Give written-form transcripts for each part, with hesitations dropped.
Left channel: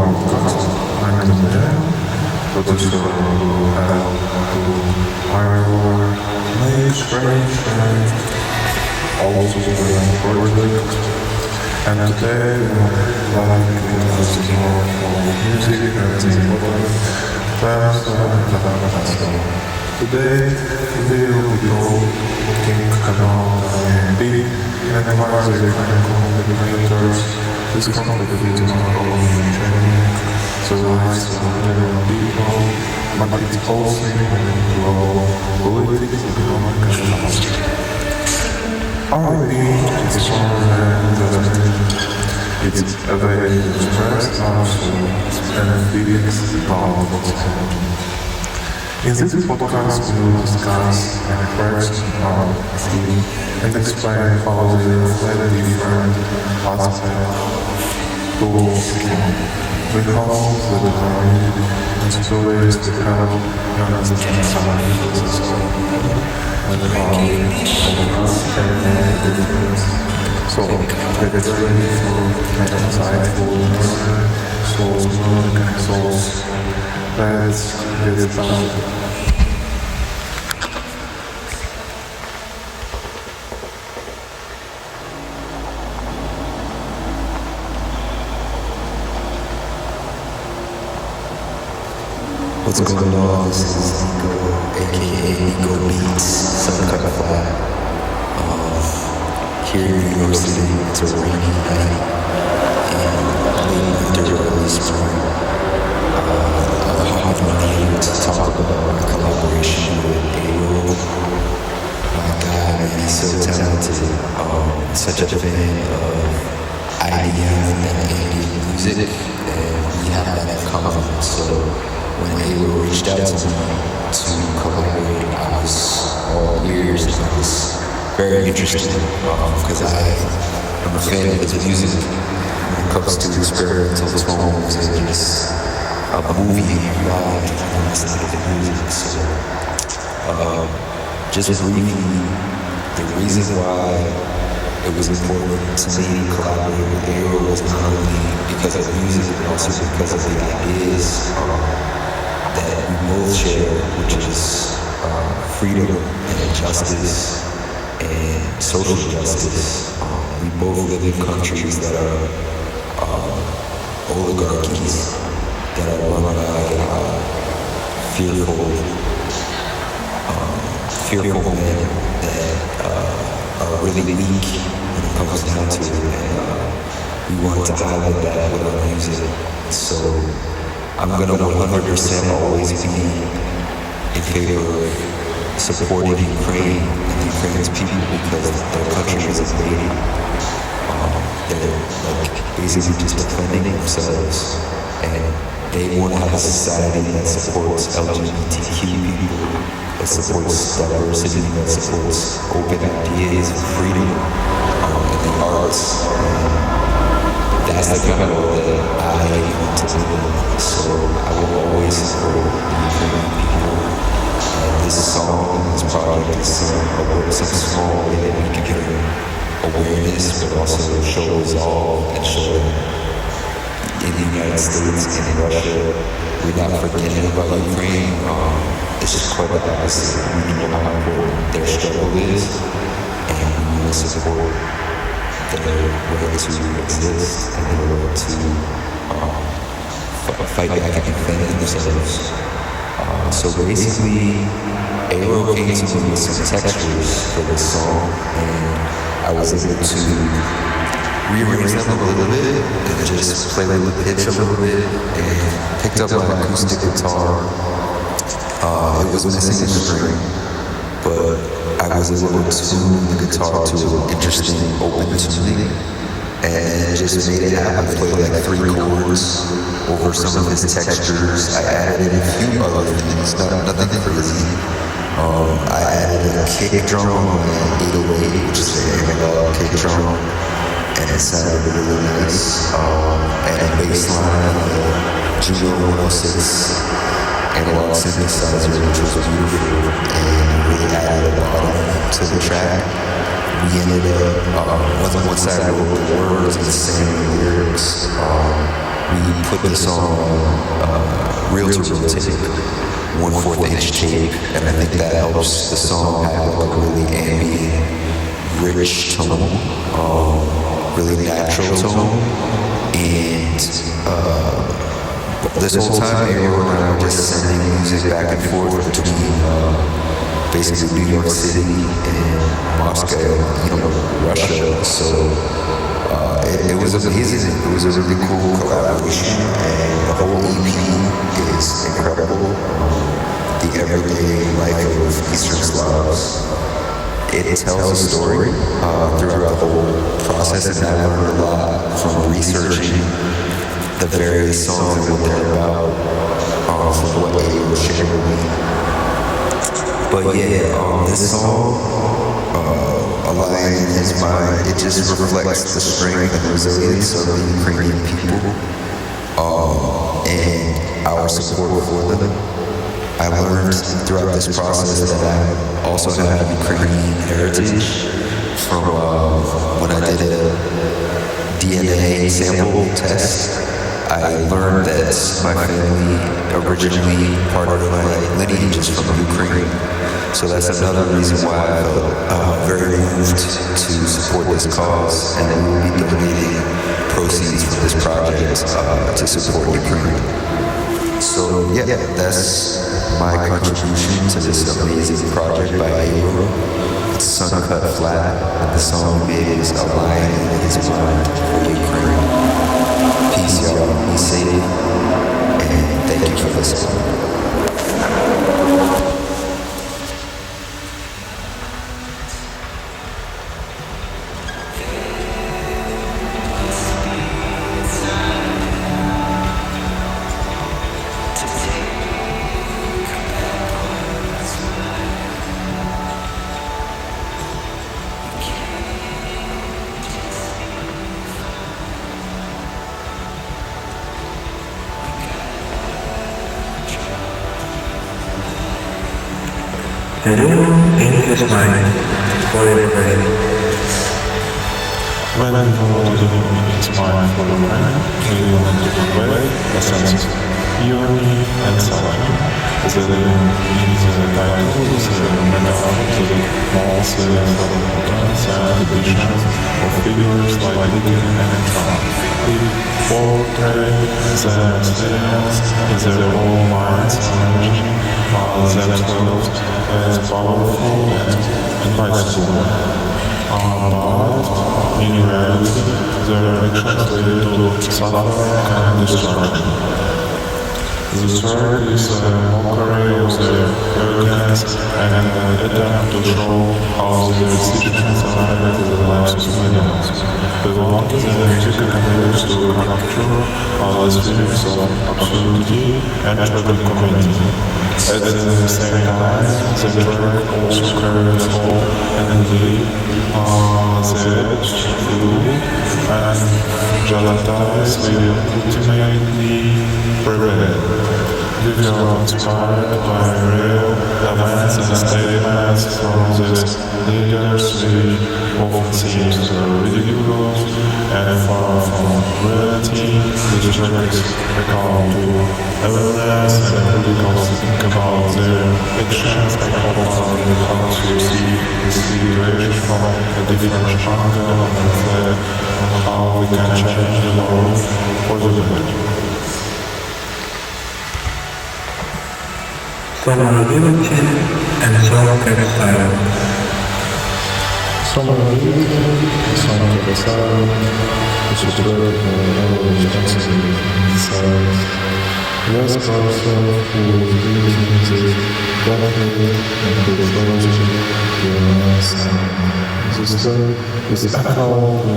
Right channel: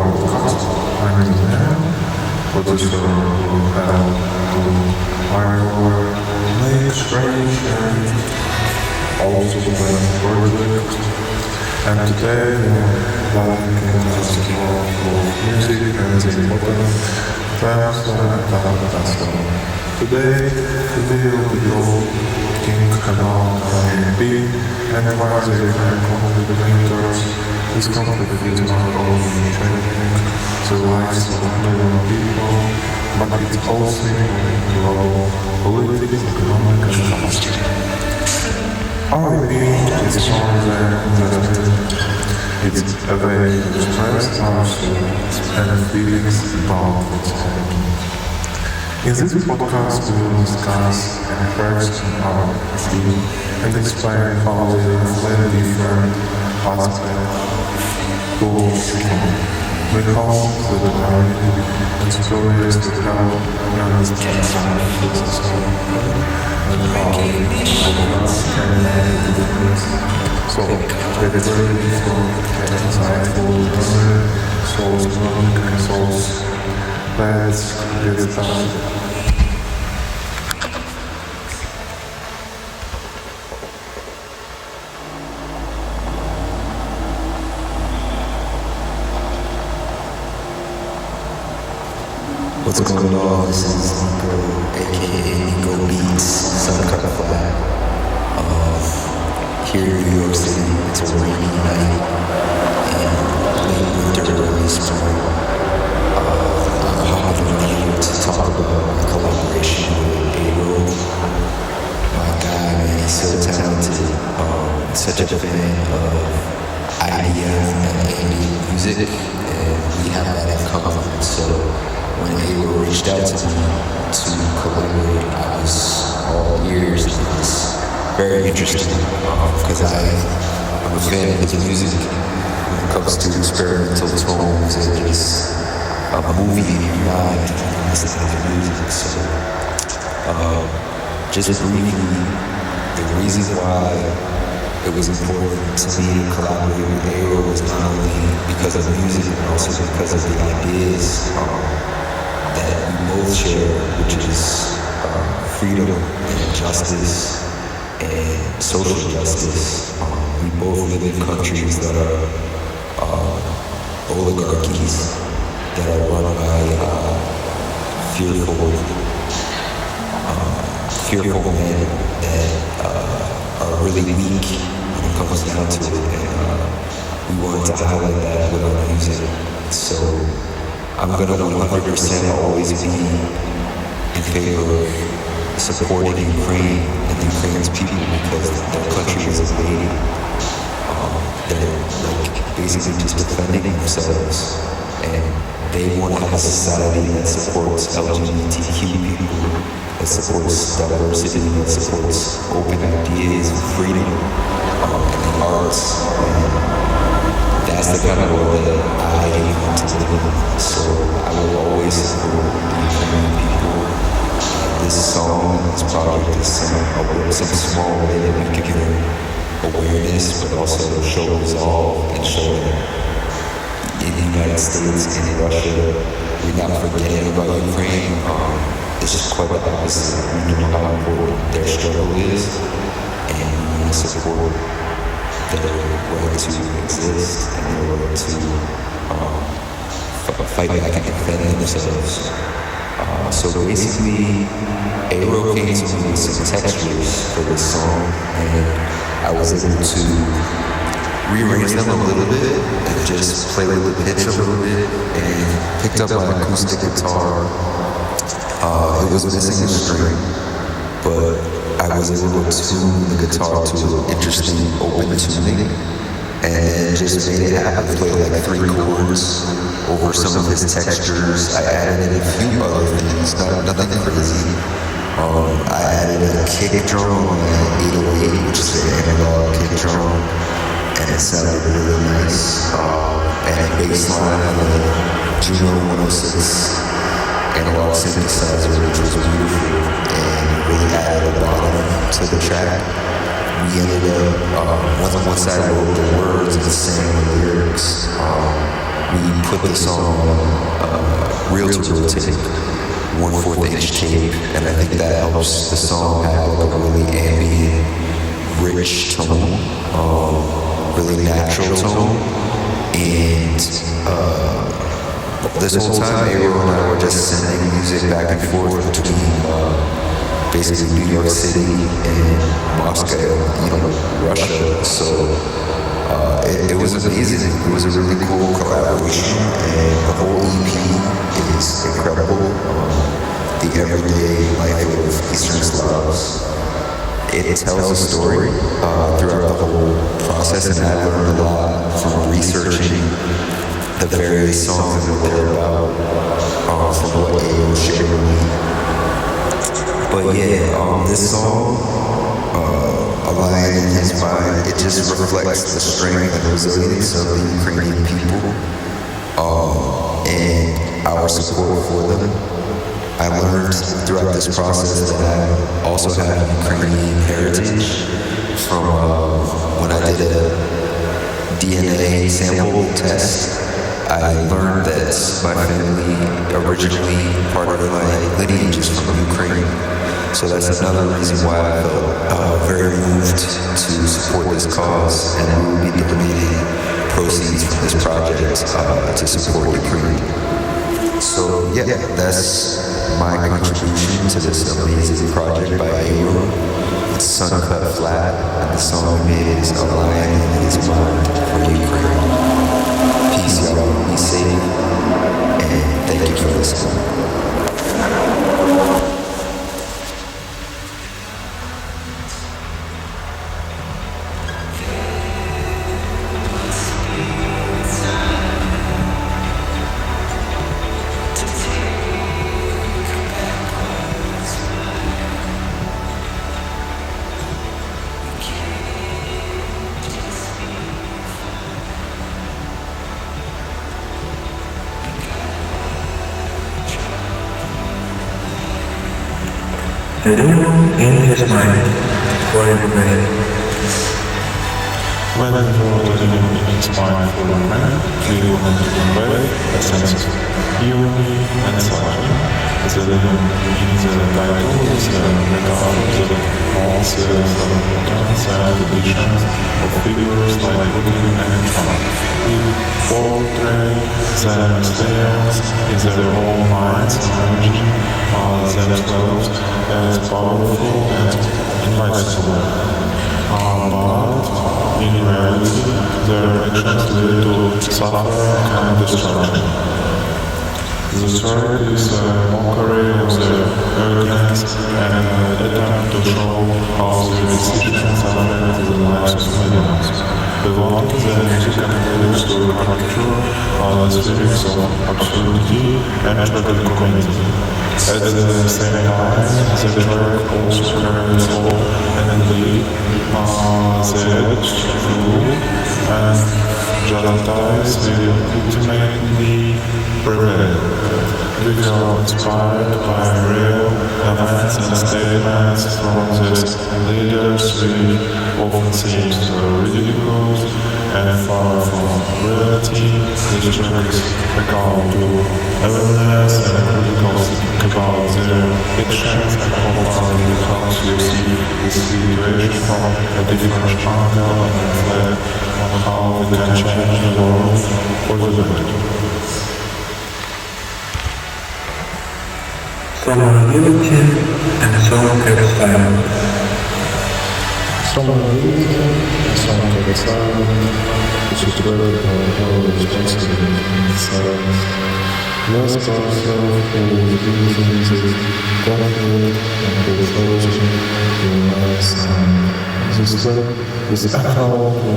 our podcast. I'm the mayor, producer who helped to Airoe make strange and also strange project. And today we are diving into the world of music and the important themes that impact us all. Today we will be talking about an EP and why the Ukraine conflict matters. This conflict is not only changing the lives of millions of people, but it's also impacting global politics, economic and culture. R&B is more than just music. It's a way to express our soul and feelings about what's happening. In this podcast, we will discuss the tracks in our EP and explain how they reflect different aspects to the conflict. We hope that our music and stories to help you understand how this is all happened and how we of us can make a difference. So, get ready for the insightful journey, Soul's music and Souls. Let's get started. What's going on? This is Nico, aka Nico Beats, Suncut Flat. Here in New York City, it's a rainy night in late winter, early spring. I'm hopping on here to talk about my collaboration with Airoe. My guy, man, he's so talented. He's such a fan of IDM and ambient music, and we have that in common. So when Airoe reached out to me to collaborate, I was all ears and I was very interested because I am a fan of his music when it comes to experimental tones and just a movie in your mind when you listen to his music. So just briefly, the reason why it was important to me to collaborate with Airoe was not only because of music, but also because of the ideas that we both share, which is freedom and justice and social justice. We both live in countries that are oligarchies that are run by fearful men that are really weak when it comes down to it, and we wanted to highlight that with our music. So I'm gonna 100% always be in favor of supporting Ukraine and Ukraine's people because their country was invaded. They're like basically just defending themselves, and they want to have a society that supports LGBTQ people, that supports diversity, that supports open ideas, freedom, and the arts. And that's the kind of world that I want to live in. So I will always support the Ukrainian people. And this song and this project is some small way that we can bring awareness, but also show resolve and show that in the United States, in Russia, we're not forgetting about Ukraine. It's quite the opposite. We know how important their struggle is, and we want to support their right to exist and their right to fight back and defend themselves. So basically, Airoe came to me with some textures for this song, and I was able to rearrange them a little bit and just play with the pitch a little bit, and picked up my acoustic guitar. It was missing a string, but I was able to tune the guitar to an interesting open tuning, and then just made it happen. Played like 3 chords over some of his textures. I added in a few other things, nothing crazy. I added a kick drum on my 808, which is the analog kick drum, and it sounded really nice. And a bass line on the Juno 106 analog synthesizer, which was beautiful, and it really added a bottom to the track. We ended up, once I wrote the words and sang the lyrics, we put the song on reel-to-reel tape, 1/4 inch tape, and I think that helps the song have like a really ambient, rich tone, really natural tone. And this whole time, Airoe and I were just sending music back and forth between basically New York City and Moscow and, you know, Russia. So it was amazing. It was a really cool collaboration, and the whole EP is incredible. The everyday life of Eastern Slavs. It tells a story throughout the whole process, and I learned a lot from researching the various songs and what they're about from what Airoe shared with me. But yeah, this song, A Lion in His Mind, it just reflects the strength and resilience of the Ukrainian people and our support for them. I learned throughout this process that I also have Ukrainian heritage from when I did a DNA sample test. I learned that my family, originally part of my lineage, is from Ukraine. So that's another reason why I felt very moved to support this cause, and we will be donating proceeds from this project to support Ukraine. So yeah, that's my contribution to this amazing project by Airoe. It's Sun Cut Flat, and the song we made is A Lion in His Mind for Ukraine. Peace, y'all. Be safe, and thank you for listening. The moon in his mind for Ukraine. When we wrote a tune in his mind for Ukraine, we wanted to convey a sense of irony and satire. The tune in the title is a metaphor that mocks the self-importance and ambitions of figures like Putin and Trump. We portray them as lions in their own minds, imagining themselves as powerful and invincible. But in reality, their actions lead to suffering and destruction. The track is a mockery of their arrogance and an attempt to show how their decisions affect the lives of millions. We wanted the music and lyrics to capture these feelings of absurdity and tragicomedy. At the same time, the track also carries hope and belief that truth and justice will ultimately prevail. We were inspired by real events and statements from these leaders, which often seems ridiculous and far from reality. This track is a call to awareness and critical thinking about their actions. I hope our music helps you see the situation from a different angle and reflect on how we can change the world for the better. Vulnerability and self-kept silent. Vulnerability and song kept silent is a track about moral responsibility and silence. We ask ourselves who is guilty in this conflict and who chosen to remain silent. And this track is a call to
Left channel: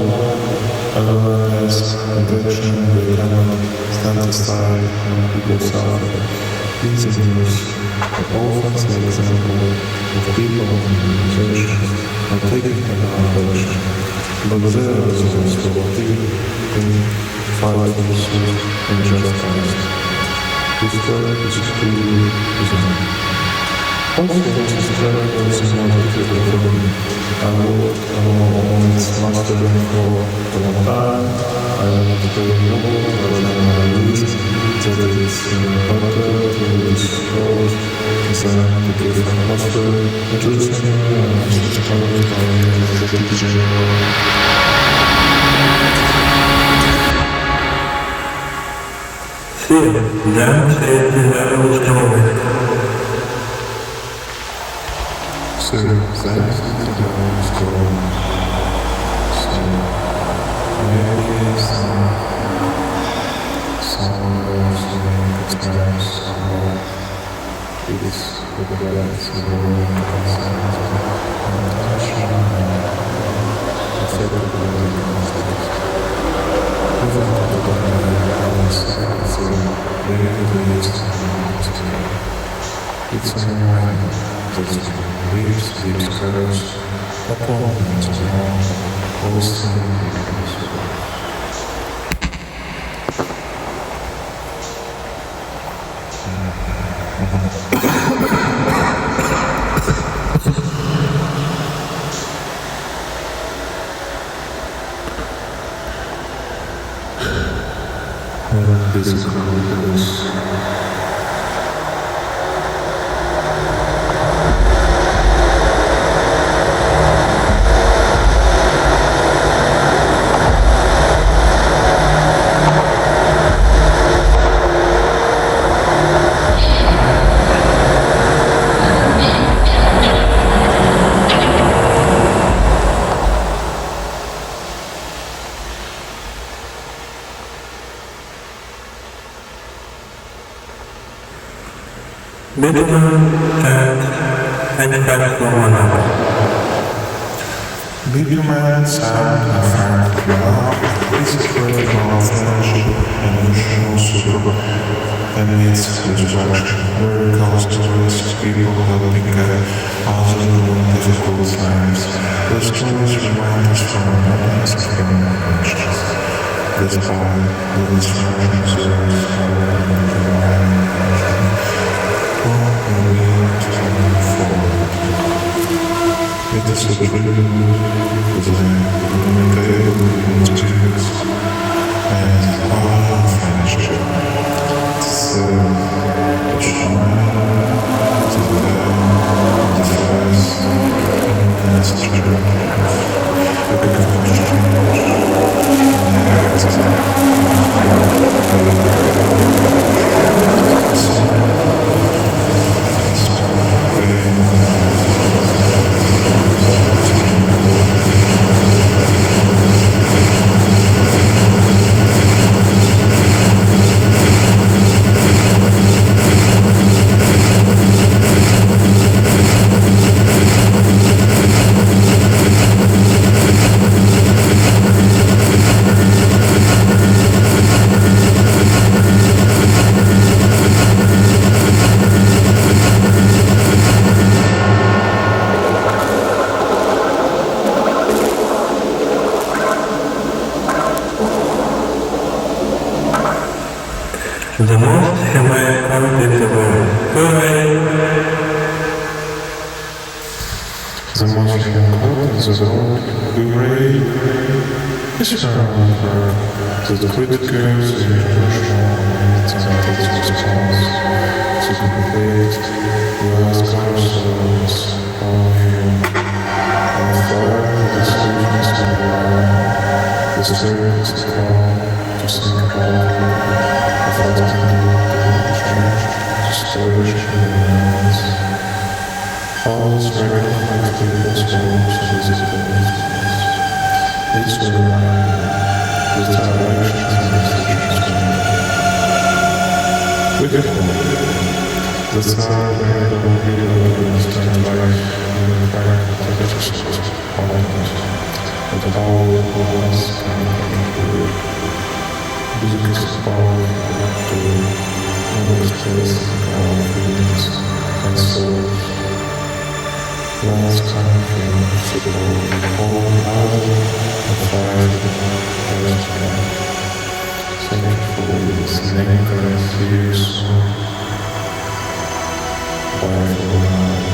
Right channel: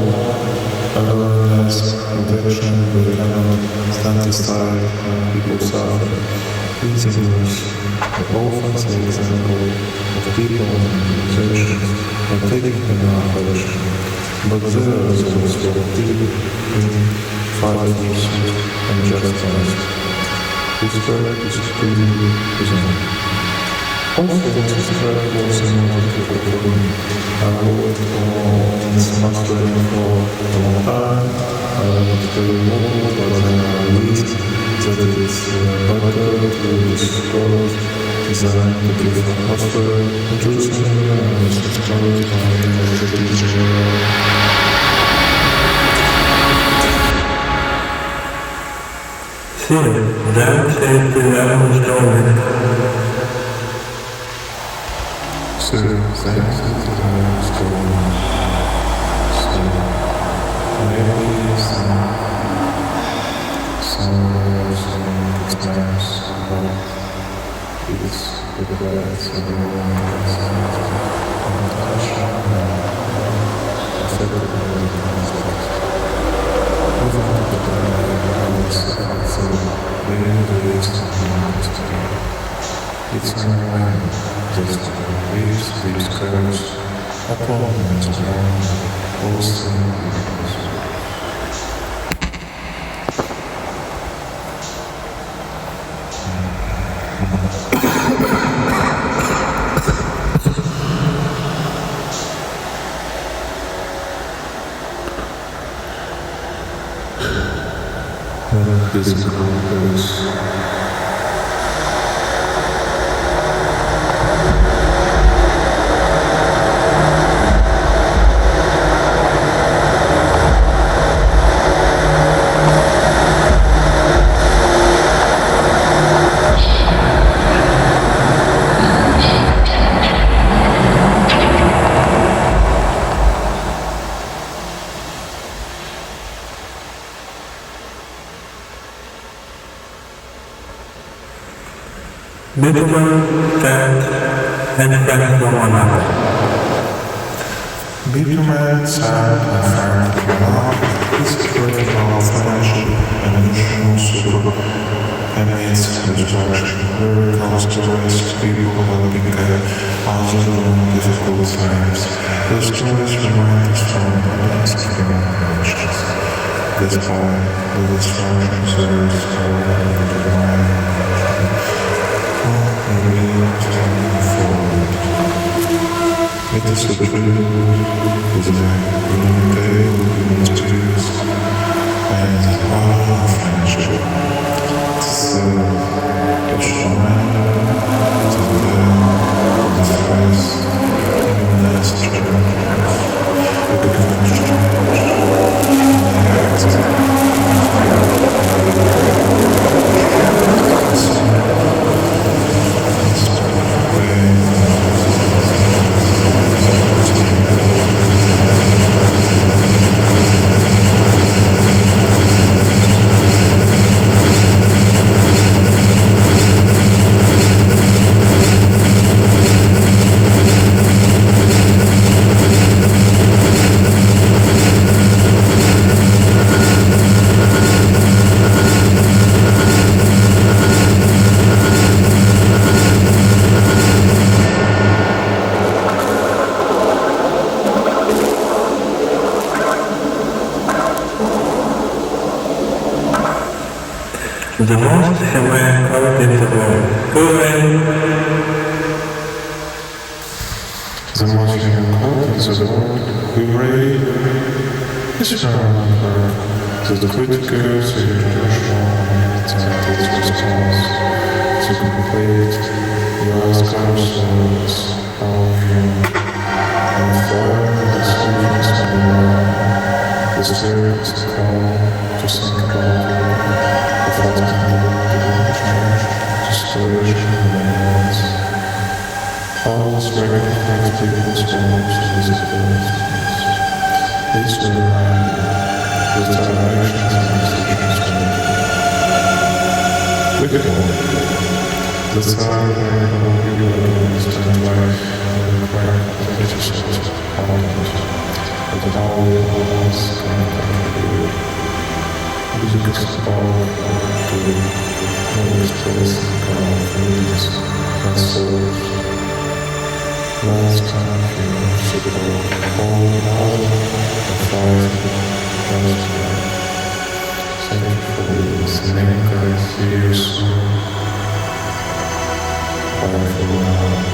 awareness and action. We cannot stand aside when people suffer. In the news, we often see examples of people and organizations not taking enough action, but there is also active in fight for truth and justice. This track is tribute to them. Also, this track was the most difficult for me. I worked on its mastering for a long time, I wanted to play vocals, but then I realized that it's better to discord them to give atmosphere. Interestingly, I was inspired by neo-tropic genre. Soon, that safety level is going. So, the anxiety level is growing. So, maybe somewhere saying it's maps, but it reflects the growing anxiety and tension among people affected by the conflict. We wanted to convey how this affects their daily lives and mental state. It's a reminder that the leaves, deep scars, not only on the ground, but also in people's souls. And physical health. Bitumen, sand, and friends from another. Bitumen, sand, and friend from another is a track about friendship and emotional support amidst destruction. Lyrical stories of people helping others during difficult times. The stories remind us of the importance of human connections. Despite the destructions, there is hope and determination to rebuild and move forward. It is a tribute to the inimitable human spirits and the power of friendship. It serves as a reminder that in the face of immense challenges, we can find change and they have to continue to build the approach. The song is pain and loss of staying The most humane country in the world. Hooray! The most human quote in the world, hooray, is ironic work that criticizes the international community and its response to the conflict. We ask ourselves how human and fire the decisions made by the trip is a call to think about what we fast can do to change the situation within us. How this record reflects people's hopes and disappointments. It's a reminder that our actions and decisions matter. We hope that our work will help you better understand why the Ukraine conflict is so important and how each us can contribute. Music is a powerful tool for expressing our feelings and souls. Let's continue to support the whole other and fight for justice. Thank you for listening and see you soon. Bye for now.